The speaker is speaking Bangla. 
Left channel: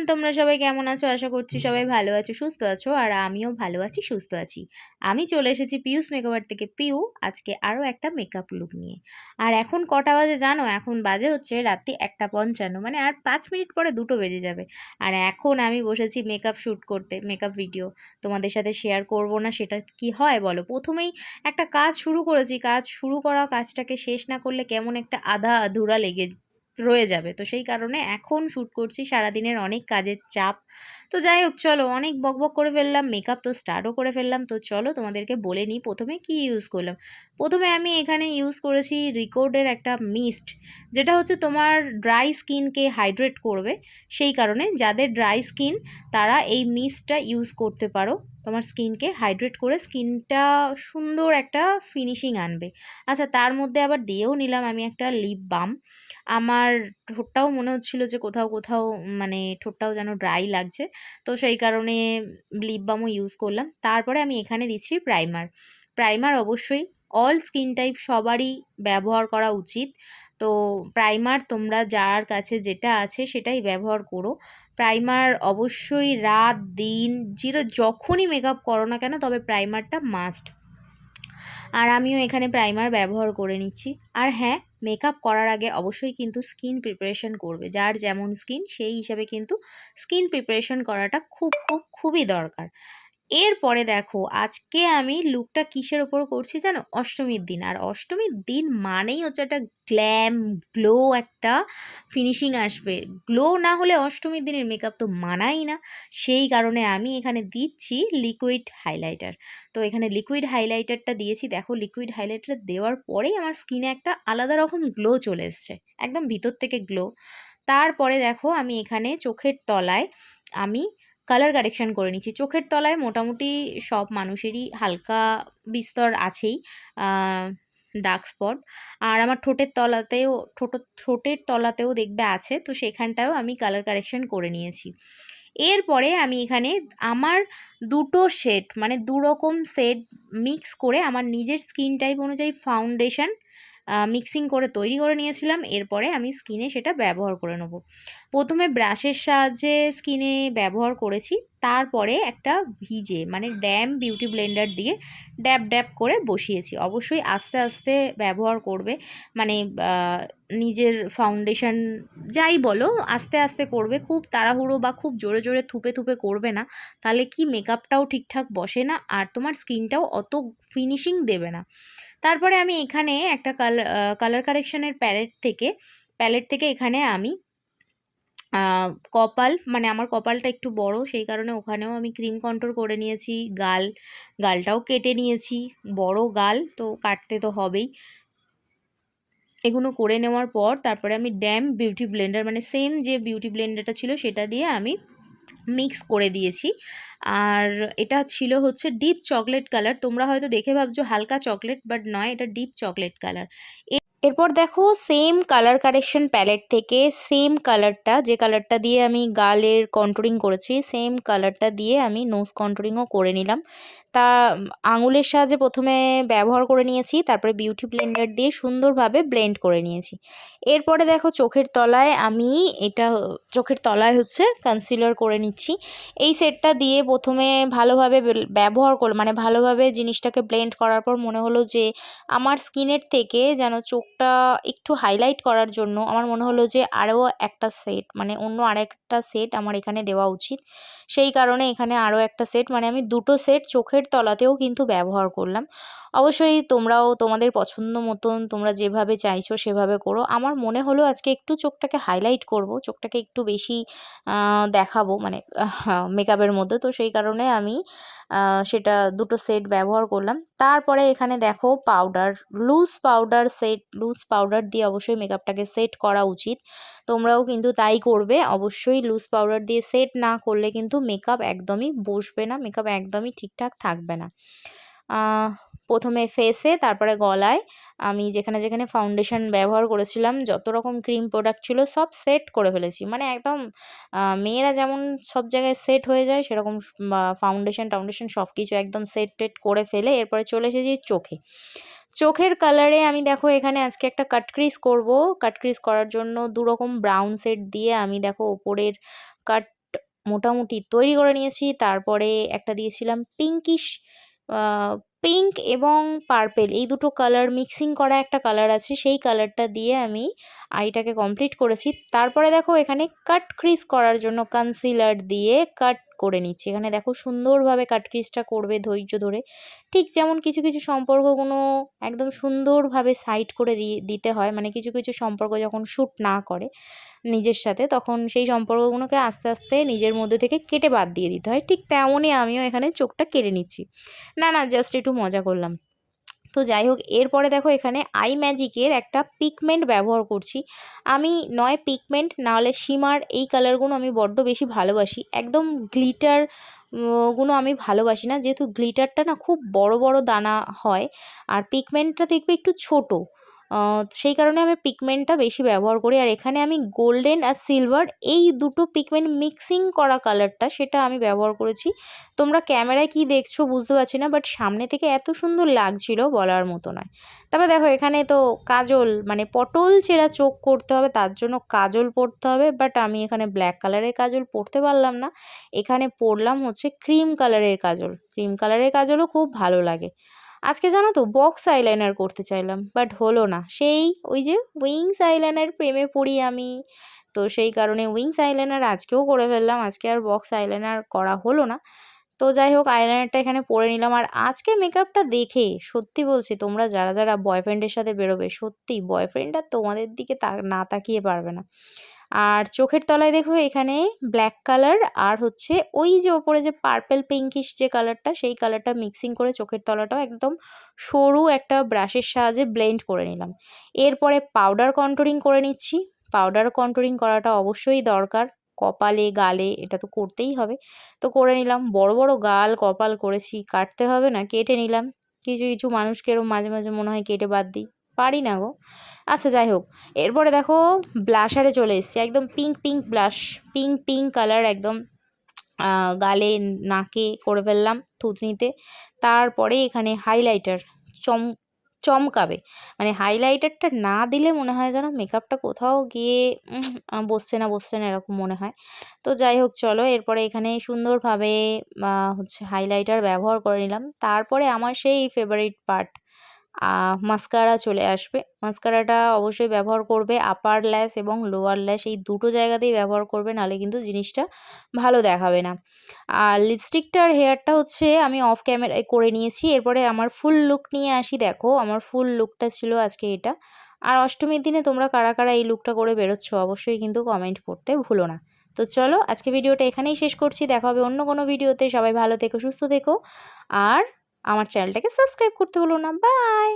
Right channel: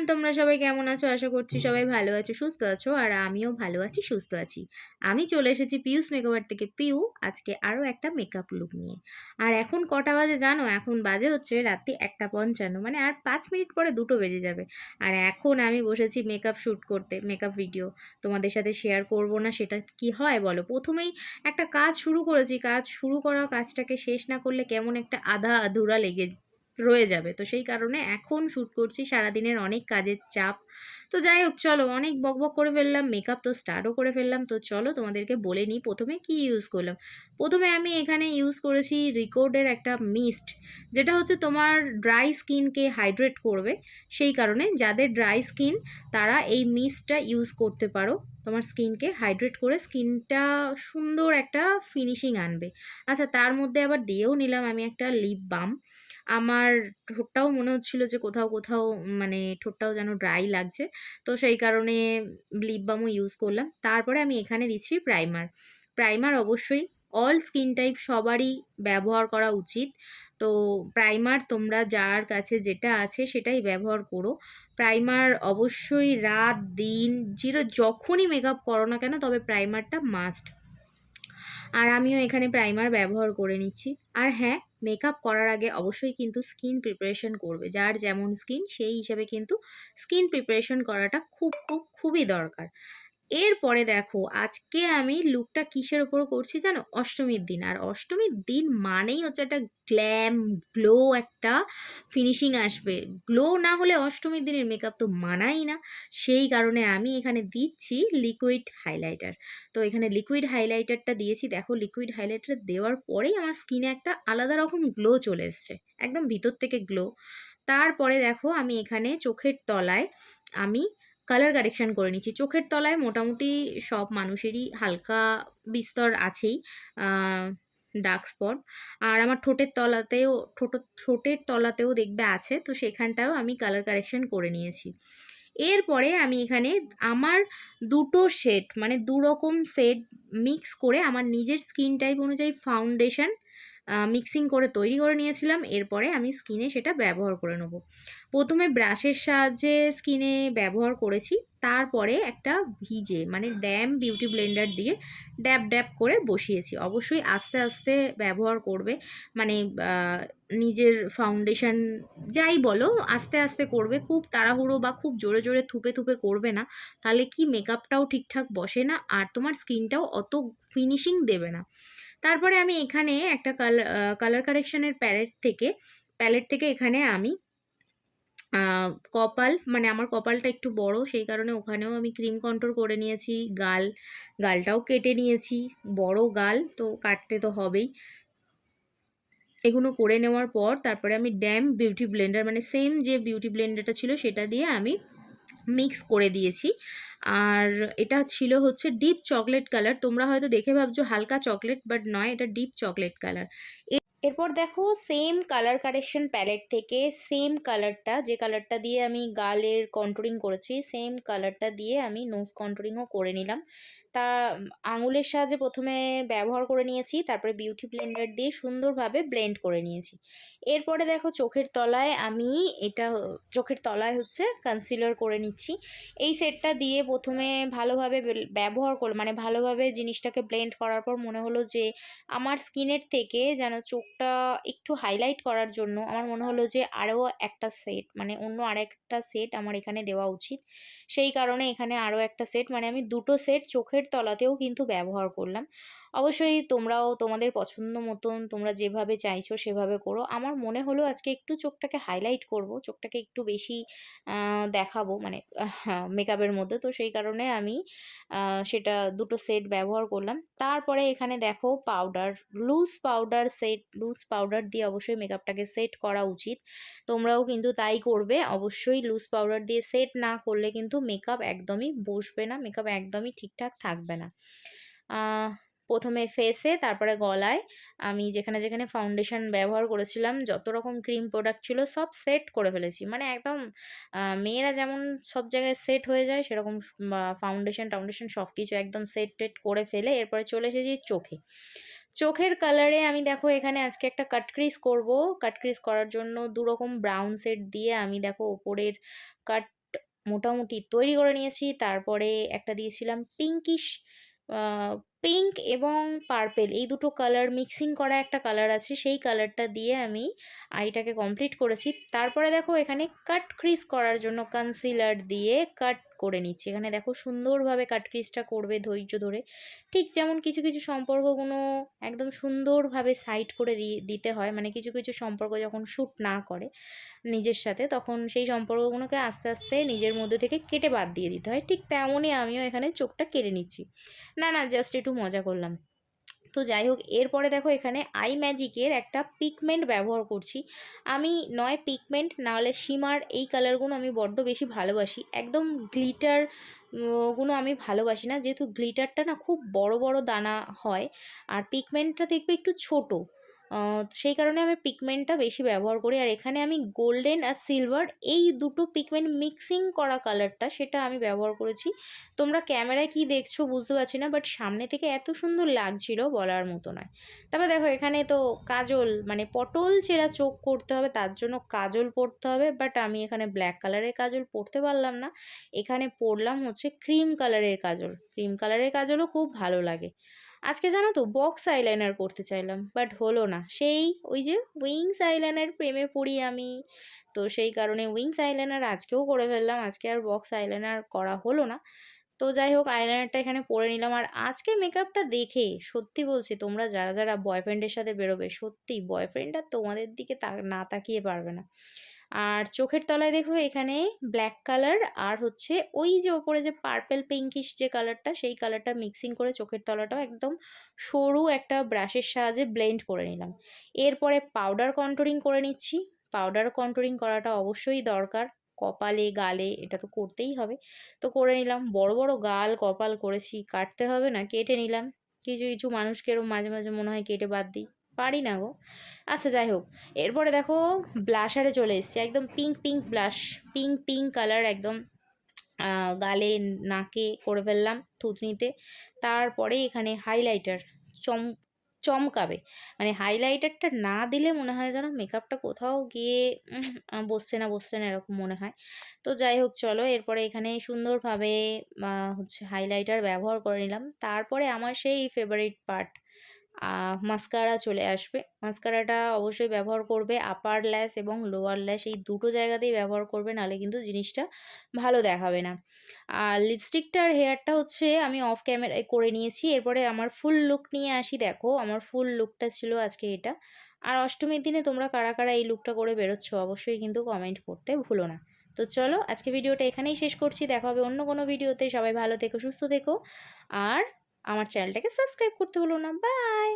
এভরিওয়ান, তোমরা সবাই কেমন আছো? আশা করছি সবাই ভালো আছো, সুস্থ আছো। আর আমিও ভালো আছি, সুস্থ আছি। আমি চলে এসেছি পিউস মেকওভার থেকে। পিউ আজকে আরও একটা মেকআপ লুক নিয়ে। আর এখন কটা বাজে জানো? এখন বাজে হচ্ছে রাত্রি 1:55, মানে আর 5 মিনিট পরে 2টো বেজে যাবে। আর এখন আমি বসেছি মেকআপ শ্যুট করতে, মেকআপ ভিডিও। তোমাদের সাথে শেয়ার করব না সেটা কি হয় বলো? প্রথমেই একটা কাজ শুরু করেছি, কাজ শুরু করা কাজটাকে শেষ না করলে কেমন একটা আধা আধুরা লেগে রয়ে যাবে। তো সেই কারণে এখন শ্যুট করছি, সারাদিনের অনেক কাজের চাপ। তো যাই হোক, চলো অনেক বকবক করে ফেললাম, মেকআপ তো স্টার্টও করে ফেললাম। তো চলো তোমাদেরকে বলে নিই প্রথমে কি ইউজ করলাম। প্রথমে আমি এখানে ইউজ করেছি রিকোর্ডের একটা মিস্ট, যেটা হচ্ছে তোমার ড্রাই স্কিনকে হাইড্রেট করবে। সেই কারণে যাদের ড্রাই স্কিন তারা এই মিস্টটা ইউজ করতে পারো, তোমার স্কিনকে হাইড্রেট করে স্কিনটা সুন্দর একটা ফিনিশিং আনবে। আচ্ছা, তার মধ্যে আবার দিয়েও নিলাম আমি একটা লিপ বাম। আমার ঠোঁটটাও মনে হচ্ছিল যে কোথাও কোথাও মানে ঠোঁটটাও যেন ড্রাই লাগছে। তো সেই কারণে লিপ বামও ইউজ করলাম। তারপরে আমি এখানে দিচ্ছি প্রাইমার। প্রাইমার অবশ্যই অল স্কিন টাইপ সবারই ব্যবহার করা উচিত। তো প্রাইমার তোমরা যার কাছে যেটা আছে সেটাই ব্যবহার করো। প্রাইমার অবশ্যই রাত দিন যখনই মেকআপ করো না কেন, তবে প্রাইমারটা মাস্ট। আর আমিও এখানে প্রাইমার ব্যবহার করে নিচ্ছি। আর হ্যাঁ, মেকআপ করার আগে অবশ্যই কিন্তু স্কিন প্রিপারেশন করবে। যার যেমন স্কিন সেই হিসাবে কিন্তু স্কিন প্রিপারেশন করাটা খুবই দরকার। এরপরে দেখো আজকে আমি লুকটা কিসের ওপর করছি জানো? অষ্টমীর দিন। আর অষ্টমীর দিন মানেই হচ্ছে একটা গ্ল্যাম গ্লো, একটা ফিনিশিং আসবে। গ্লো না হলে অষ্টমীর দিনের মেকআপ তো মানাই না। সেই কারণে আমি এখানে দিচ্ছি লিকুইড হাইলাইটার। তো এখানে লিকুইড হাইলাইটারটা দিয়েছি। দেখো লিকুইড হাইলাইটার দেওয়ার পরেই আমার স্কিনে একটা আলাদা রকম গ্লো চলে এসছে, একদম ভিতর থেকে গ্লো। তারপরে দেখো আমি এখানে চোখের তলায় আমি কালার কারেকশান করে নিচ্ছি। চোখের তলায় মোটামুটি সব মানুষেরই হালকা বিস্তর আছেই ডার্ক স্পট। আর আমার ঠোঁটের তলাতেও দেখবে আছে। তো সেখানটাও আমি কালার কারেকশান করে নিয়েছি। এরপরে আমি এখানে আমার দুটো শেড, মানে দুরকম শেড মিক্স করে আমার নিজের স্কিন টাইপ অনুযায়ী ফাউন্ডেশন মিক্সিং করে তৈরি করে নিয়েছিলাম। এরপরে আমি স্কিনে সেটা ব্যবহার করে নেব। প্রথমে ব্রাশের সাহায্যে স্কিনে ব্যবহার করেছি, তারপরে একটা মানে ড্যাম বিউটি ব্লেন্ডার দিয়ে ড্যাব ড্যাব করে বসিয়েছি। অবশ্যই আস্তে আস্তে ব্যবহার করবে, মানে নিজের ফাউন্ডেশন যাই বলো আস্তে আস্তে করবে। খুব তাড়াহুড়ো বা খুব জোরে জোরে থুপে থুপে করবে না, তাহলে কি মেকআপটাও ঠিকঠাক বসে না আর তোমার স্কিনটাও অত ফিনিশিং দেবে না। তারপরে আমি এখানে একটা কালার কারেকশানের প্যালেট থেকে এখানে আমি কপাল, মানে আমার কপালটা একটু বড়, সেই কারণে ওখানেও আমি ক্রিম কন্ট্রোল করে নিয়েছি। গালটাও কেটে নিয়েছি, বড় গাল তো কাটতে তো হবেই। এগুলো করে নেওয়ার পর তারপরে আমি ড্যাম বিউটি ব্লেন্ডার, মানে সেম যে বিউটি ব্লেন্ডারটা ছিল সেটা দিয়ে আমি মিক্স করে দিয়েছি। আর এটা ছিল হচ্ছে ডিপ চকলেট কালার। তোমরা হয়তো দেখে ভাবছো হালকা চকলেট, বাট নয়, এটা ডিপ চকলেট কালার। এরপর দেখো সেম কালার কারেকশন প্যালেট থেকে সেম কালারটা, যে কালারটা দিয়ে আমি গালের কন্ট্রোলিং করেছি, সেম কালারটা দিয়ে আমি নোজ কন্ট্রোলিংও করে নিলাম। তা আঙুলের সাহায্যে প্রথমে ব্যবহার করে নিয়েছি, তারপরে বিউটি ব্লেন্ডার দিয়ে সুন্দরভাবে ব্লেন্ড করে নিয়েছি। এরপরে দেখো চোখের তলায় চোখের তলায় হচ্ছে কনসিলার করে নিচ্ছি। এই সেটটা দিয়ে প্রথমে ভালোভাবে ব্যবহার করলাম, মানে ভালোভাবে জিনিসটাকে ব্লেন্ড করার পর মনে হলো যে আমার স্কিনের থেকে যেন চোখটা একটু হাইলাইট করার জন্য আমার মনে হলো যে আরও একটা সেট, মানে অন্য আরেকটা সেট আমার এখানে দেওয়া উচিত। সেই কারণে এখানে আরও একটা সেট, মানে আমি দুটো সেট চোখের তলাতেও কিন্তু ব্যবহার করলাম। অবশ্যই তোমরাও তোমাদের পছন্দ মতন তোমরা যেভাবে চাইছো সেভাবে করো। আমার মনে হলো আজকে একটু চোখটাকে হাইলাইট করব, চোখটাকে একটু বেশি দেখাবো, মানে মেকআপের মধ্যে। তো সেই কারণে আমি সেটা দুটো সেট ব্যবহার করলাম। তারপরে এখানে দেখো লুজ পাউডার দিয়ে অবশ্যই মেকআপটাকে সেট করা উচিত। তোমরাও কিন্তু তাই করবে। অবশ্যই লুজ পাউডার দিয়ে সেট না করলে কিন্তু মেকআপ একদমই বসবে না, মেকআপ একদমই ঠিকঠাক থাকবে না। প্রথমে ফেসে, তারপরে গলায় আমি যেখানে যেখানে ফাউন্ডেশন ব্যবহার করেছিলাম, যত রকম ক্রিম প্রোডাক্ট ছিল সব সেট করে ফেলেছি। মানে একদম মেয়েরা যেমন সব জায়গায় সেট হয়ে যায়, সেরকম ফাউন্ডেশন সব কিছু একদম সেট করে ফেলে এরপরে চলে এসেছি চোখের কালারে আমি দেখো এখানে আজকে একটা কাটক্রিজ করব। কাটক্রিজ করার জন্য দুরকম ব্রাউন সেট দিয়ে আমি দেখো ওপরের কাট মোটামুটি তৈরি করে নিয়েছি। তারপরে একটা দিয়েছিলাম পিঙ্কিশ আ পিঙ্ক এবং পার্পেল এই দুটো কালার মিক্সিং করা একটা কালার আছে, সেই কালারটা দিয়ে আমি আইটাকে কমপ্লিট করেছি। তারপরে দেখো এখানে কাট ক্রিজ করার জন্য কনসিলার দিয়ে কাট করে নিচ্ছি। এখানে দেখো সুন্দরভাবে কাট ক্রিজটা করবে ধৈর্য ধরে। ঠিক যেমন কিছু, কিছু সম্পর্কগুলো একদম সুন্দরভাবে সাইড করে দিতে হয়। মানে কিছু, কিছু সম্পর্ক যখন শ্যুট না করে নিজের সাথে, তখন সেই সম্পর্কগুলোকে আস্তে, আস্তে নিজের মধ্যে থেকে কেটে বাদ দিয়ে দিতে হয়। ঠিক তেমনই আমিও এখানে চোখটা কেটে নিচ্ছি। না জাস্ট একটু মজা করলাম। তো যাই হোক, এরপরে দেখো এখানে আই ম্যাজিকের একটা পিগমেন্ট ব্যবহার করছি। আমি নয় পিগমেন্ট না হলে শিমার এই কালারগুলো আমি বড্ড বেশি ভালোবাসি। একদম গ্লিটার গুলো আমি ভালোবাসি না, যেহেতু গ্লিটারটা না খুব বড় বড় দানা হয় আর পিগমেন্টটা দেখবে একটু ছোট। সেই কারণে আমি পিগমেন্টটা বেশি ব্যবহার করি। আর এখানে আমি গোল্ডেন আর সিলভার এই দুটো পিগমেন্ট মিক্সিং করা কালারটা সেটা আমি ব্যবহার করেছি। তোমরা ক্যামেরায় কি দেখছো বুঝতে পারছি না, বাট সামনে থেকে এত সুন্দর লাগছিল বলার মতো নয়। তারপর দেখো এখানে তো কাজল মানে পটল ছেঁড়া চোখ করতে হবে, তার জন্য কাজল পরতে হবে। বাট আমি এখানে ব্ল্যাক কালারের কাজল পরতে পারলাম না। এখানে পরলাম হচ্ছে ক্রিম কালারের কাজল। ক্রিম কালারের কাজলও খুব ভালো লাগে। আজকে জানো তো বক্স আইলাইনার করতে চাইলাম, বাট হলো না। সেই ওই যে উইংস আইলাইনার প্রেমে পড়ি আমি। তো সেই কারণে উইংস আইলাইনার আজকেও করে ফেললাম। আজকে আর বক্স আইলাইনার করা হলো না। তো যাই হোক, আইলাইনারটা এখানে পরে নিলাম। আর আজকে মেকআপটা দেখে সত্যি বলছি, তোমরা যারা যারা বয়ফ্রেন্ডের সাথে বেরোবে, সত্যি বয়ফ্রেন্ড আর তোমাদের দিকে না তাকিয়ে পারবে না। আর চোখের তলায় দেখো এখানে ব্ল্যাক কালার আর হচ্ছে ওই যে ওপরে যে পার্পেল পিঙ্কিশ যে কালারটা, সেই কালারটা মিক্সিং করে চোখের তলাটাও একদম সরু একটা ব্রাশের সাহায্যে ব্লেন্ড করে নিলাম। এরপরে পাউডার কন্ট্যুরিং করে নিচ্ছি। পাউডার কন্ট্যুরিং করাটা অবশ্যই দরকার। কপালে, গালে এটা তো করতেই হবে। তো করে নিলাম। বড় বড় গাল কপাল করেছি, কাটতে হবে না, কেটে নিলাম। কিছু কিছু মানুষকে এরকম মাঝে মাঝে মনে হয় কেটে বাদ দিই, পারি না গো। আচ্ছা যাই হোক, এরপরে দেখো ব্লাশারে চলে এসেছি। একদম pink pink blush, pink pink colour একদম গালে নাকে করে ফেললাম থুতনিতে। তারপরে এখানে হাইলাইটার চম চমকাবে। মানে হাইলাইটারটা না দিলে মনে হয় যেন মেকআপটা কোথাও গিয়ে বসছে না এরকম মনে হয়। তো যাই হোক চলো, এরপরে এখানে সুন্দরভাবে হচ্ছে হাইলাইটার ব্যবহার করে নিলাম। তারপরে আমার সেই ফেভারিট পার্ট মাস্কারা চলে আসবে। মাস্কারাটা অবশ্যই ব্যবহার করবে। আপার ল্যাশ এবং লোয়ার ল্যাশ এই দুটো জায়গাতেই ব্যবহার করবে, নাহলে কিন্তু জিনিসটা ভালো দেখাবে না। আর লিপস্টিকটা আর হেয়ারটা হচ্ছে আমি অফ ক্যামেরায় করে নিয়েছি। এরপরে আমার ফুল লুক নিয়ে আসি। দেখো আমার ফুল লুকটা ছিল আজকে এটা। আর অষ্টমীর দিনে তোমরা কারা কারা এই লুকটা করে বেরোচ্ছ অবশ্যই কিন্তু কমেন্ট করতে ভুলো না। তো চলো আজকে ভিডিওটা এখানেই শেষ করছি। দেখা হবে অন্য কোনো ভিডিওতে। সবাই ভালো থেকো, সুস্থ থেকো। আর আমার চ্যানেলটাকে সাবস্ক্রাইব করতে ভুলো না। বাই।